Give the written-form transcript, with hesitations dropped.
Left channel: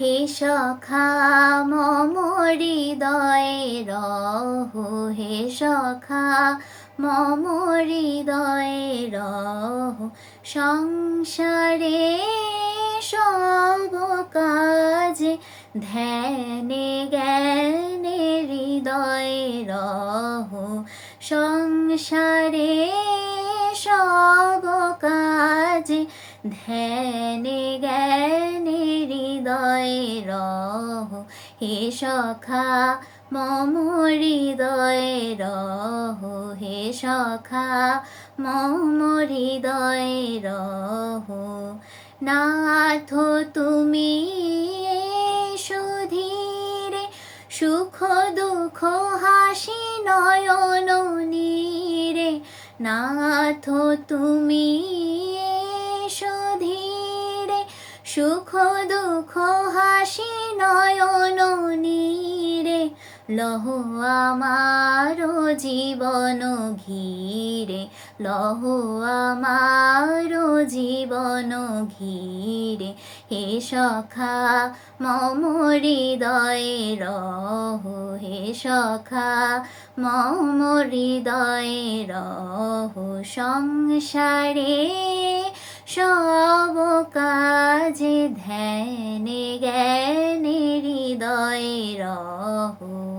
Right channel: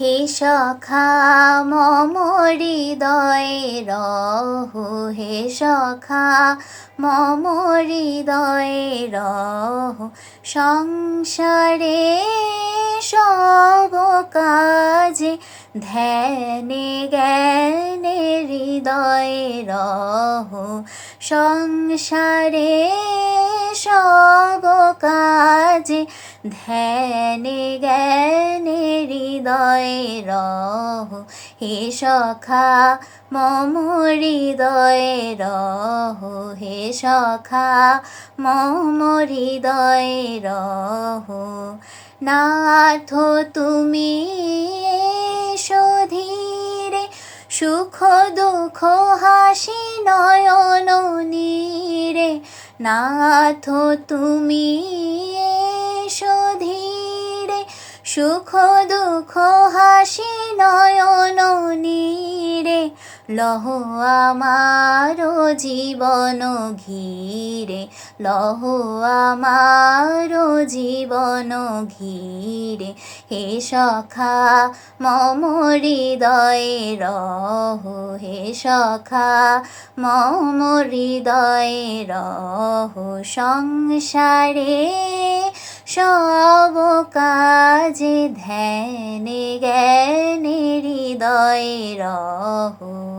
হে সখা মম হৃদয়ে রহো, হে সখা মম হৃদয়ে রহো। সংসারে সব কাজে ধ্যানে জ্ঞানে হৃদয়ে রহো। সংসারে সব কাজে ধ্যানে জ্ঞানে হৃদয়ে রহো। হে সখা মম হৃদয়ে রহো, হে সখা মম হৃদয়ে রহো। নাথ তুমি এসো ধীরে, সুখ দুঃখ হাসি নয়ন নীরে। নাথ তুমি এসো ধীরে, সুখ দুঃখ হাসি নয়ন নীরে। লহো আমার জীবন ঘিরে, লহো আমার জীবন ঘিরে। হে সখা মম হৃদয়ে রহো, হে সখা মম হৃদয়ে রহো। সংসারে সব কাজে ধ্যানে জ্ঞানে হৃদয়ে রহো।